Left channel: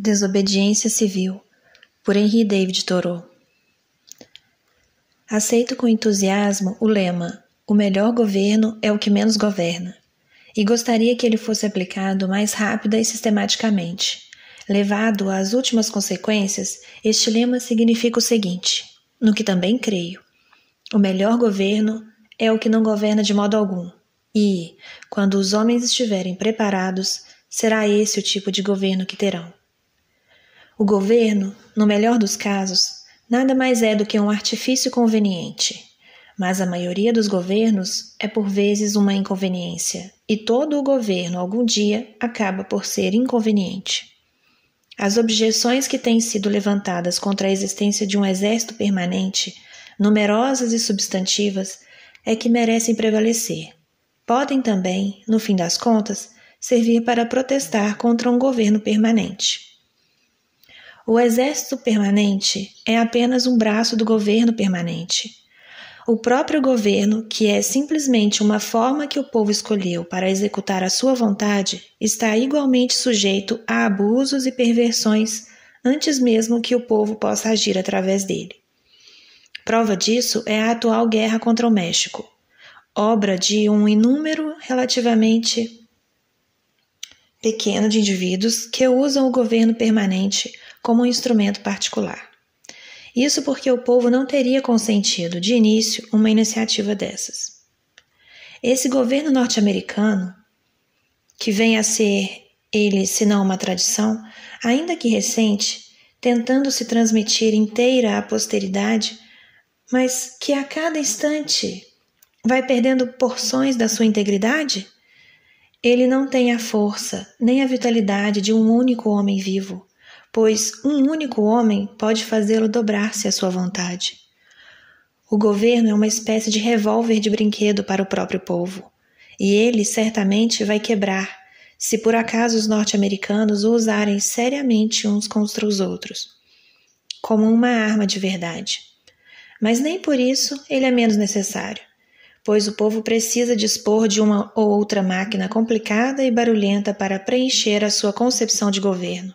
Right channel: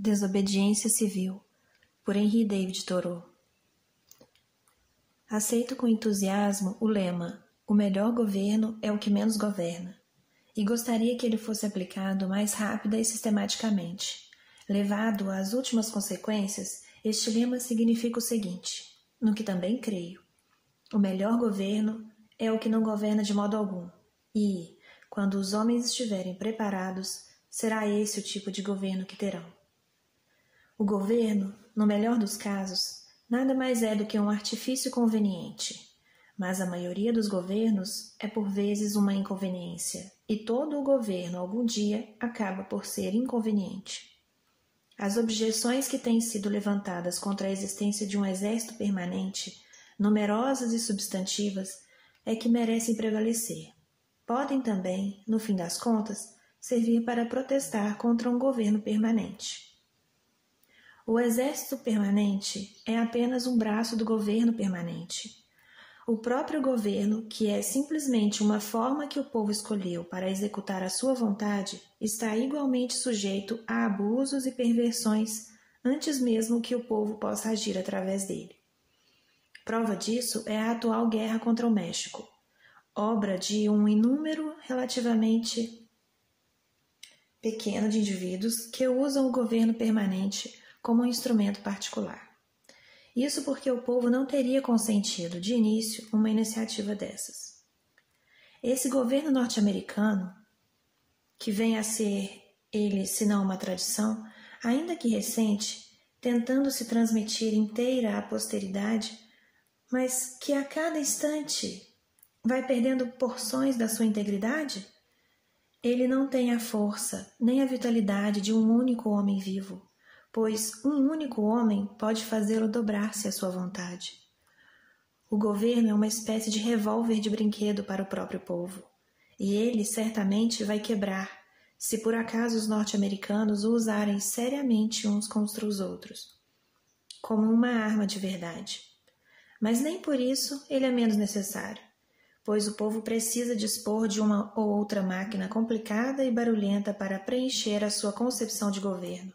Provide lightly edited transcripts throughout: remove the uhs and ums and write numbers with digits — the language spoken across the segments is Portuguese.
Desobediência Civil, por Henry David Thoreau. Aceito com entusiasmo o lema: o melhor governo é o que menos governa, e gostaria que ele fosse aplicado mais rápida e sistematicamente. Levado às últimas consequências, este lema significa o seguinte, no que também creio: o melhor governo é o que não governa de modo algum, e, quando os homens estiverem preparados, será esse o tipo de governo que terão. O governo, no melhor dos casos, nada mais é do que um artifício conveniente, mas a maioria dos governos é por vezes uma inconveniência, e todo o governo algum dia acaba por ser inconveniente. As objeções que têm sido levantadas contra a existência de um exército permanente, numerosas e substantivas, é que merecem prevalecer. Podem também, no fim das contas, servir para protestar contra um governo permanente. O exército permanente é apenas um braço do governo permanente. O próprio governo, que é simplesmente uma forma que o povo escolheu para executar a sua vontade, está igualmente sujeito a abusos e perversões antes mesmo que o povo possa agir através dele. Prova disso é a atual guerra contra o México, obra de um número relativamente pequeno de indivíduos que usam o governo permanente como um instrumento particular. Isso porque o povo não teria consentido, de início, uma iniciativa dessas. Esse governo norte-americano, que vem a ser ele, se não uma tradição, ainda que recente, tentando se transmitir inteira à posteridade, mas que a cada instante vai perdendo porções da sua integridade? Ele não tem a força nem a vitalidade de um único homem vivo, pois um único homem pode fazê-lo dobrar-se à sua vontade. O governo é uma espécie de revólver de brinquedo para o próprio povo, e ele certamente vai quebrar, se por acaso os norte-americanos o usarem seriamente uns contra os outros, como uma arma de verdade. Mas nem por isso ele é menos necessário, pois o povo precisa dispor de uma ou outra máquina complicada e barulhenta para preencher a sua concepção de governo.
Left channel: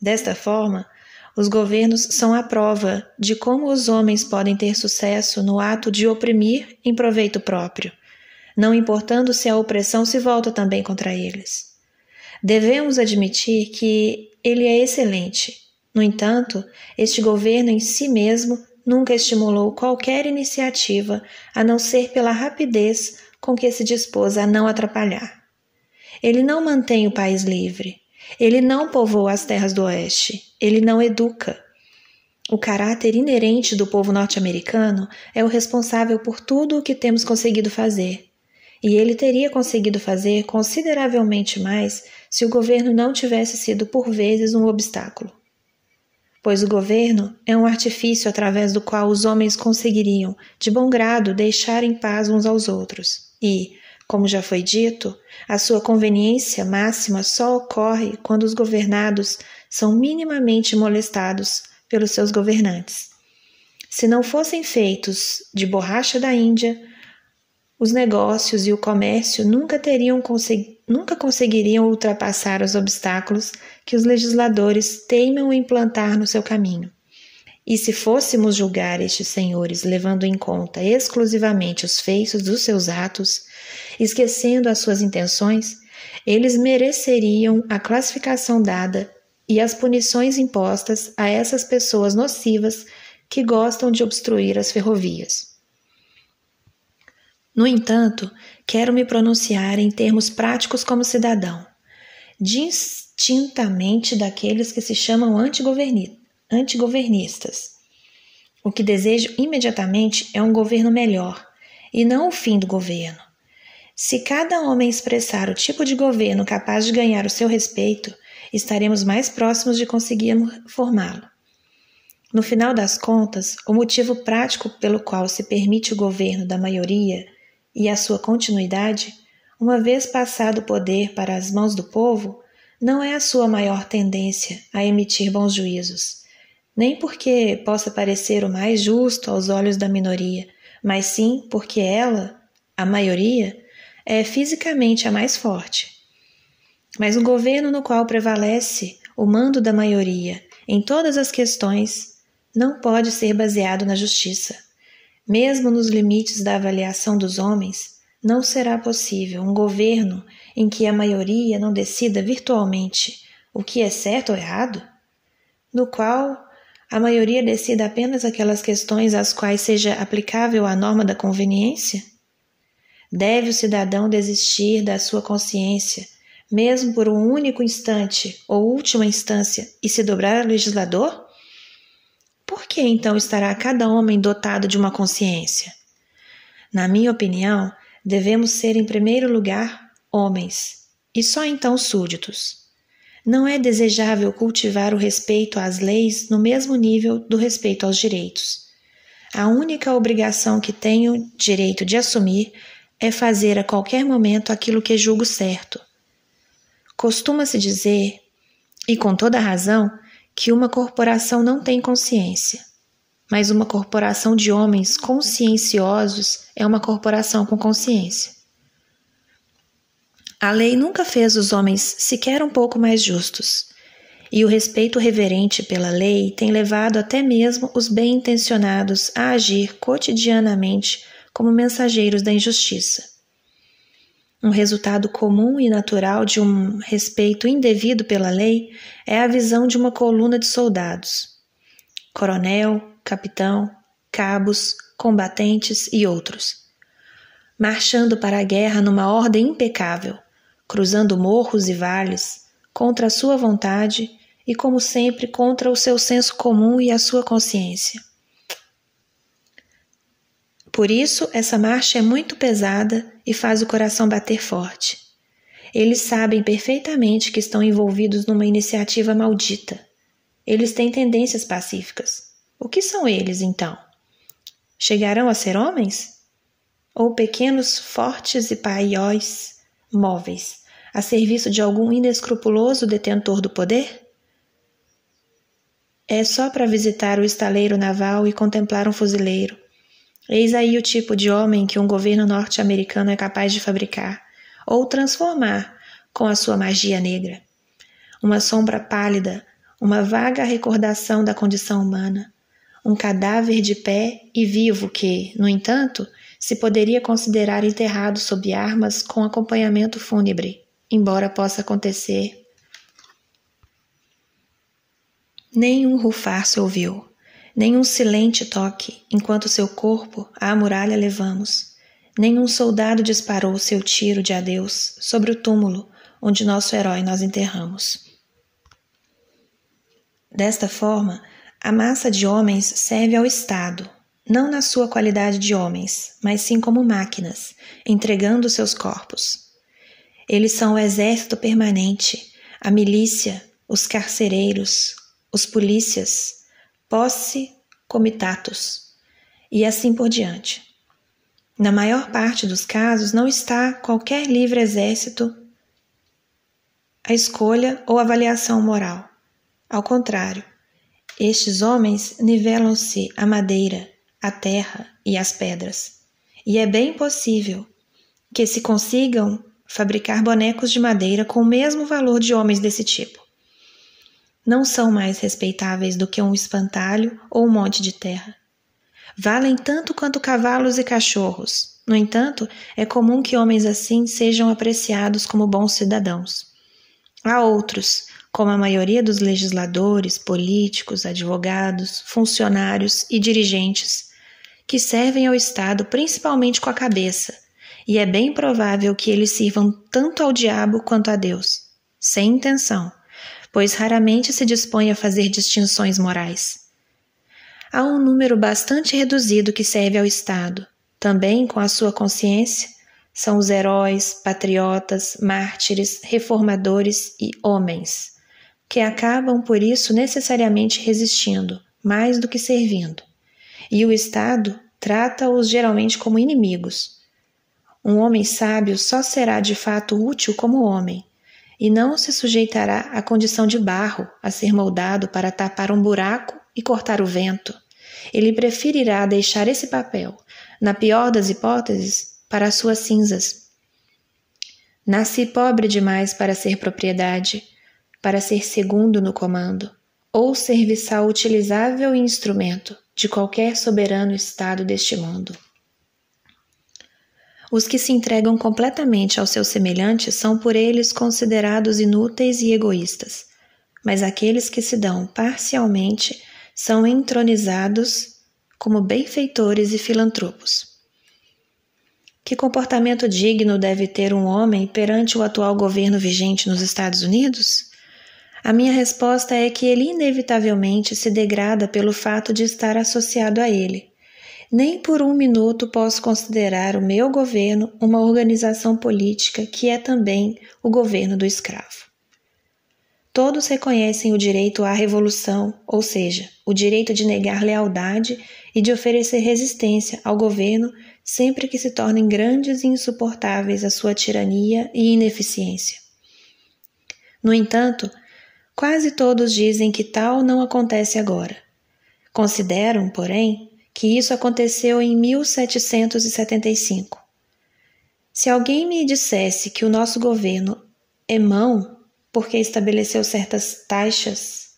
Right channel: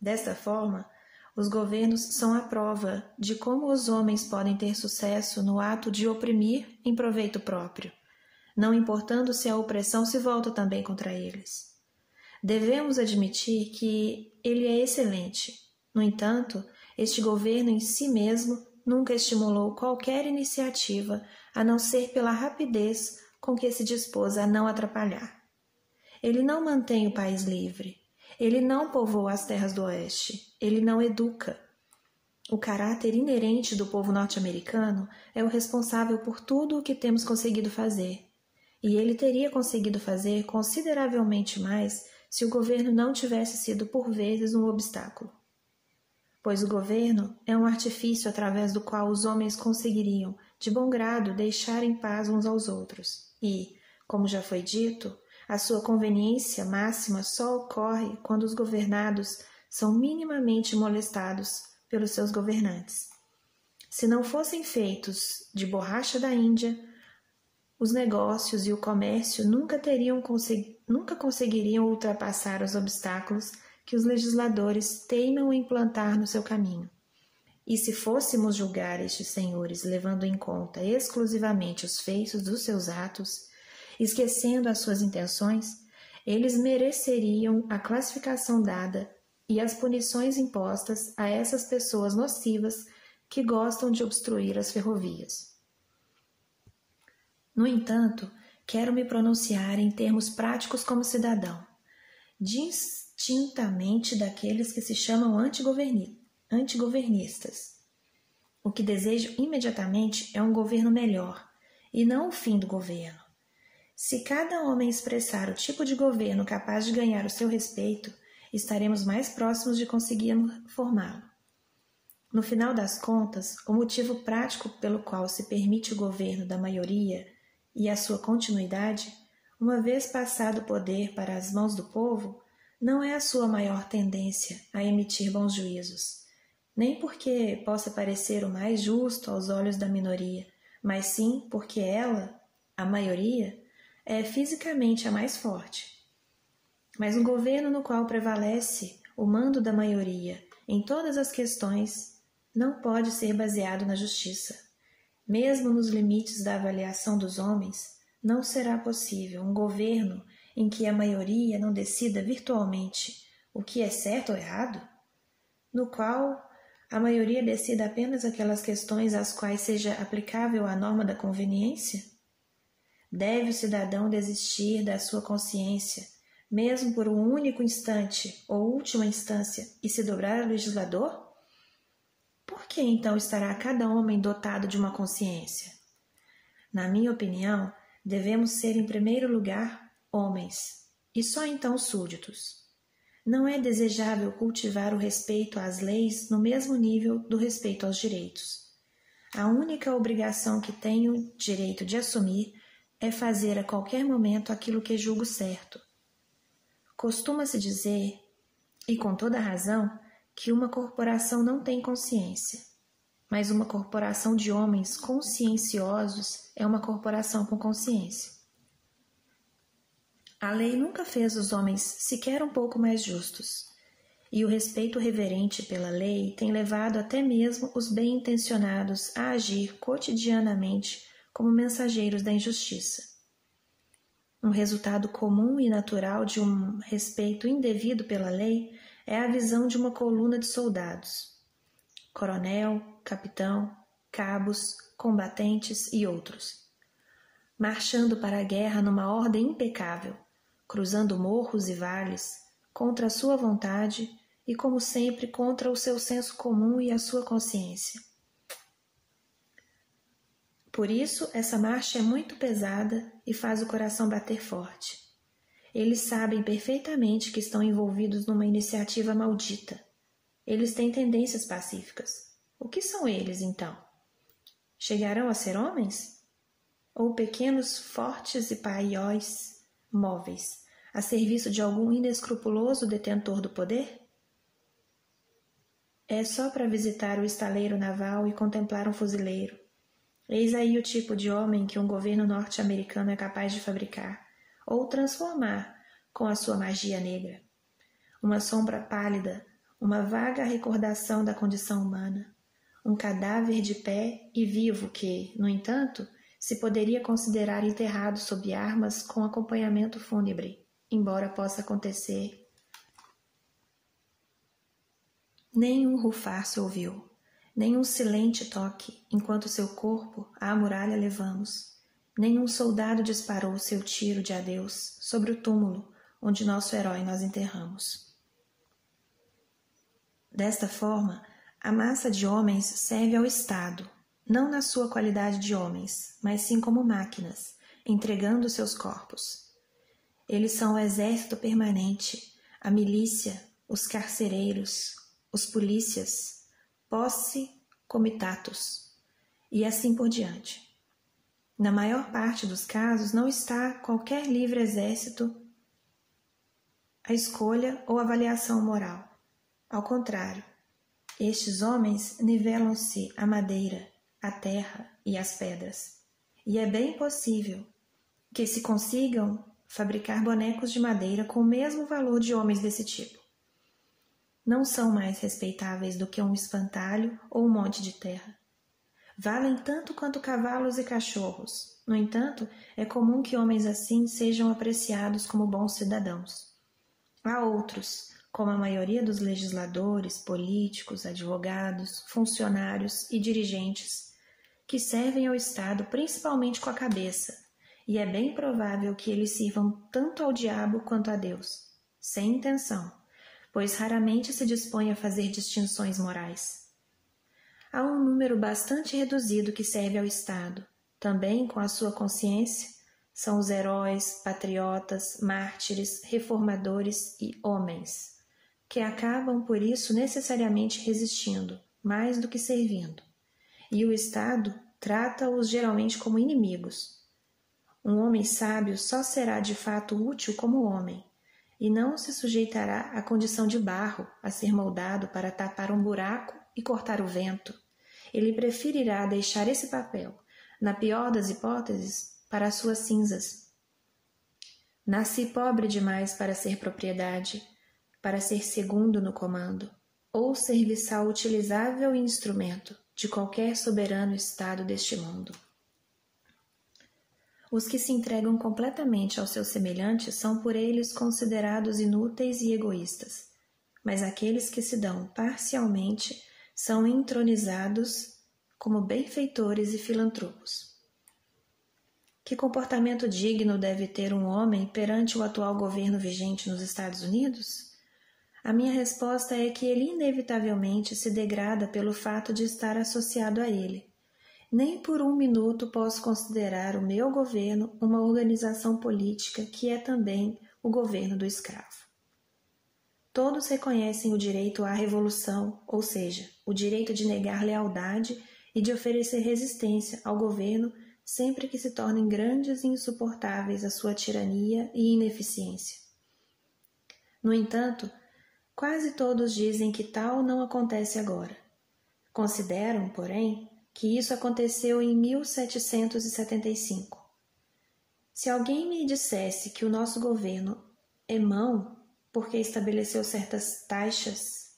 Desta forma, os governos são a prova de como os homens podem ter sucesso no ato de oprimir em proveito próprio, não importando se a opressão se volta também contra eles. Devemos admitir que ele é excelente. No entanto, este governo em si mesmo nunca estimulou qualquer iniciativa a não ser pela rapidez com que se dispôs a não atrapalhar. Ele não mantém o país livre. Ele não povoa as terras do oeste. Ele não educa. O caráter inerente do povo norte-americano é o responsável por tudo o que temos conseguido fazer. E ele teria conseguido fazer consideravelmente mais se o governo não tivesse sido por vezes um obstáculo. Pois o governo é um artifício através do qual os homens conseguiriam, de bom grado, deixar em paz uns aos outros. E, como já foi dito, a sua conveniência máxima só ocorre quando os governados são minimamente molestados pelos seus governantes. Se não fossem feitos de borracha da Índia, os negócios e o comércio nunca conseguiriam ultrapassar os obstáculos que os legisladores teimam implantar no seu caminho. E se fôssemos julgar estes senhores levando em conta exclusivamente os feitos dos seus atos, esquecendo as suas intenções, eles mereceriam a classificação dada e as punições impostas a essas pessoas nocivas que gostam de obstruir as ferrovias. No entanto, quero me pronunciar em termos práticos como cidadão, distintamente daqueles que se chamam antigovernistas. O que desejo imediatamente é um governo melhor, e não o fim do governo. Se cada homem expressar o tipo de governo capaz de ganhar o seu respeito, estaremos mais próximos de conseguir formá-lo. No final das contas, o motivo prático pelo qual se permite o governo da maioria e a sua continuidade, uma vez passado o poder para as mãos do povo, não é a sua maior tendência a emitir bons juízos, nem porque possa parecer o mais justo aos olhos da minoria, mas sim porque ela, a maioria, é fisicamente a mais forte. Mas um governo no qual prevalece o mando da maioria em todas as questões não pode ser baseado na justiça. Mesmo nos limites da avaliação dos homens, não será possível um governo em que a maioria não decida virtualmente o que é certo ou errado, no qual a maioria decida apenas aquelas questões às quais seja aplicável a norma da conveniência. Deve o cidadão desistir da sua consciência, mesmo por um único instante ou última instância, e se dobrar ao legislador? Por que então estará cada homem dotado de uma consciência? Na minha opinião, devemos ser em primeiro lugar homens, e só então súditos. Não é desejável cultivar o respeito às leis no mesmo nível do respeito aos direitos. A única obrigação que tenho direito de assumir é fazer a qualquer momento aquilo que julgo certo. Costuma-se dizer, e com toda razão, que uma corporação não tem consciência, mas uma corporação de homens conscienciosos é uma corporação com consciência. A lei nunca fez os homens sequer um pouco mais justos, e o respeito reverente pela lei tem levado até mesmo os bem-intencionados a agir cotidianamente como mensageiros da injustiça. Um resultado comum e natural de um respeito indevido pela lei é a visão de uma coluna de soldados, coronel, capitão, cabos, combatentes e outros, marchando para a guerra numa ordem impecável, cruzando morros e vales, contra a sua vontade e, como sempre, contra o seu senso comum e a sua consciência. Por isso, essa marcha é muito pesada e faz o coração bater forte. Eles sabem perfeitamente que estão envolvidos numa iniciativa maldita. Eles têm tendências pacíficas. O que são eles, então? Chegarão a ser homens? Ou pequenos, fortes e paióis móveis, a serviço de algum inescrupuloso detentor do poder? É só para visitar o estaleiro naval e contemplar um fuzileiro. Eis aí o tipo de homem que um governo norte-americano é capaz de fabricar ou transformar com a sua magia negra. Uma sombra pálida, uma vaga recordação da condição humana, um cadáver de pé e vivo que, no entanto, se poderia considerar enterrado sob armas com acompanhamento fúnebre, embora possa acontecer. Nenhum rufar se ouviu, nenhum silente toque, enquanto seu corpo à muralha levamos. Nenhum soldado disparou seu tiro de adeus sobre o túmulo onde nosso herói nós enterramos. Desta forma, a massa de homens serve ao Estado, não na sua qualidade de homens, mas sim como máquinas, entregando seus corpos. Eles são o exército permanente, a milícia, os carcereiros, os polícias, posse comitatus, e assim por diante. Na maior parte dos casos, não está qualquer livre exército à escolha ou avaliação moral. Ao contrário, estes homens nivelam-se à madeira, à terra e às pedras, e é bem possível que se consigam fabricar bonecos de madeira com o mesmo valor de homens desse tipo. Não são mais respeitáveis do que um espantalho ou um monte de terra. Valem tanto quanto cavalos e cachorros. No entanto, é comum que homens assim sejam apreciados como bons cidadãos. Há outros, como a maioria dos legisladores, políticos, advogados, funcionários e dirigentes, que servem ao Estado principalmente com a cabeça, e é bem provável que eles sirvam tanto ao diabo quanto a Deus, sem intenção, pois raramente se dispõe a fazer distinções morais. Há um número bastante reduzido que serve ao Estado, também com a sua consciência, são os heróis, patriotas, mártires, reformadores e homens, que acabam por isso necessariamente resistindo, mais do que servindo. E o Estado trata-os geralmente como inimigos. Um homem sábio só será de fato útil como homem, e não se sujeitará à condição de barro, a ser moldado para tapar um buraco e cortar o vento. Ele preferirá deixar esse papel, na pior das hipóteses, para as suas cinzas. Nasci pobre demais para ser propriedade. para ser segundo no comando, ou serviçal utilizável e instrumento de qualquer soberano estado deste mundo. Os que se entregam completamente aos seus semelhantes são por eles considerados inúteis e egoístas, mas aqueles que se dão parcialmente são entronizados como benfeitores e filantropos. Que comportamento digno deve ter um homem perante o atual governo vigente nos Estados Unidos? A minha resposta é que ele inevitavelmente se degrada pelo fato de estar associado a ele. Nem por um minuto posso considerar o meu governo uma organização política que é também o governo do escravo. Todos reconhecem o direito à revolução, ou seja, o direito de negar lealdade e de oferecer resistência ao governo sempre que se tornem grandes e insuportáveis a sua tirania e ineficiência. No entanto, quase todos dizem que tal não acontece agora. Consideram, porém, que isso aconteceu em 1775. Se alguém me dissesse que o nosso governo é mau porque estabeleceu certas taxas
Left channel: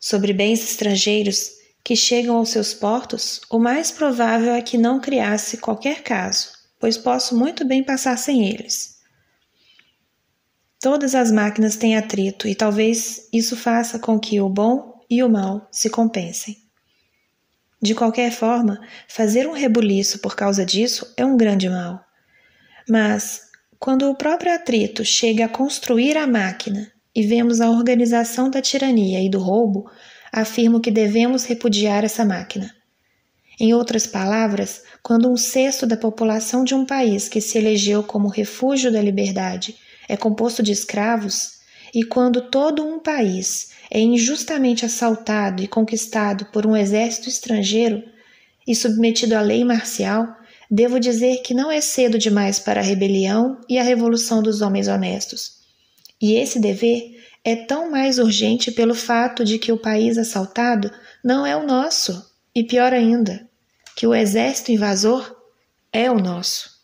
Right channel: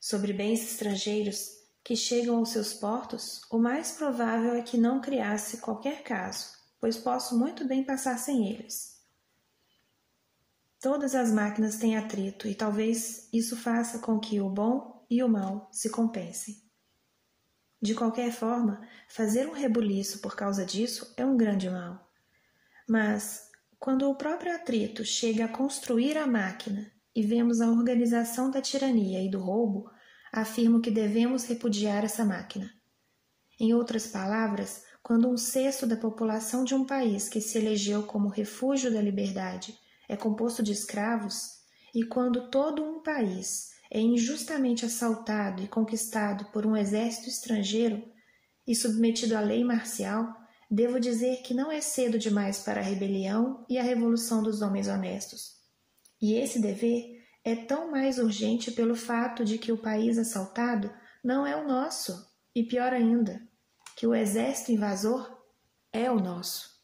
sobre bens estrangeiros que chegam aos seus portos, o mais provável é que não criasse qualquer caso, pois posso muito bem passar sem eles. Todas as máquinas têm atrito e talvez isso faça com que o bom e o mal se compensem. De qualquer forma, fazer um rebuliço por causa disso é um grande mal. Mas, quando o próprio atrito chega a construir a máquina e vemos a organização da tirania e do roubo, afirmo que devemos repudiar essa máquina. Em outras palavras, quando 1/6 da população de um país que se elegeu como refúgio da liberdade é composto de escravos, e quando todo um país é injustamente assaltado e conquistado por um exército estrangeiro e submetido à lei marcial, devo dizer que não é cedo demais para a rebelião e a revolução dos homens honestos. E esse dever é tão mais urgente pelo fato de que o país assaltado não é o nosso, e pior ainda, que o exército invasor é o nosso.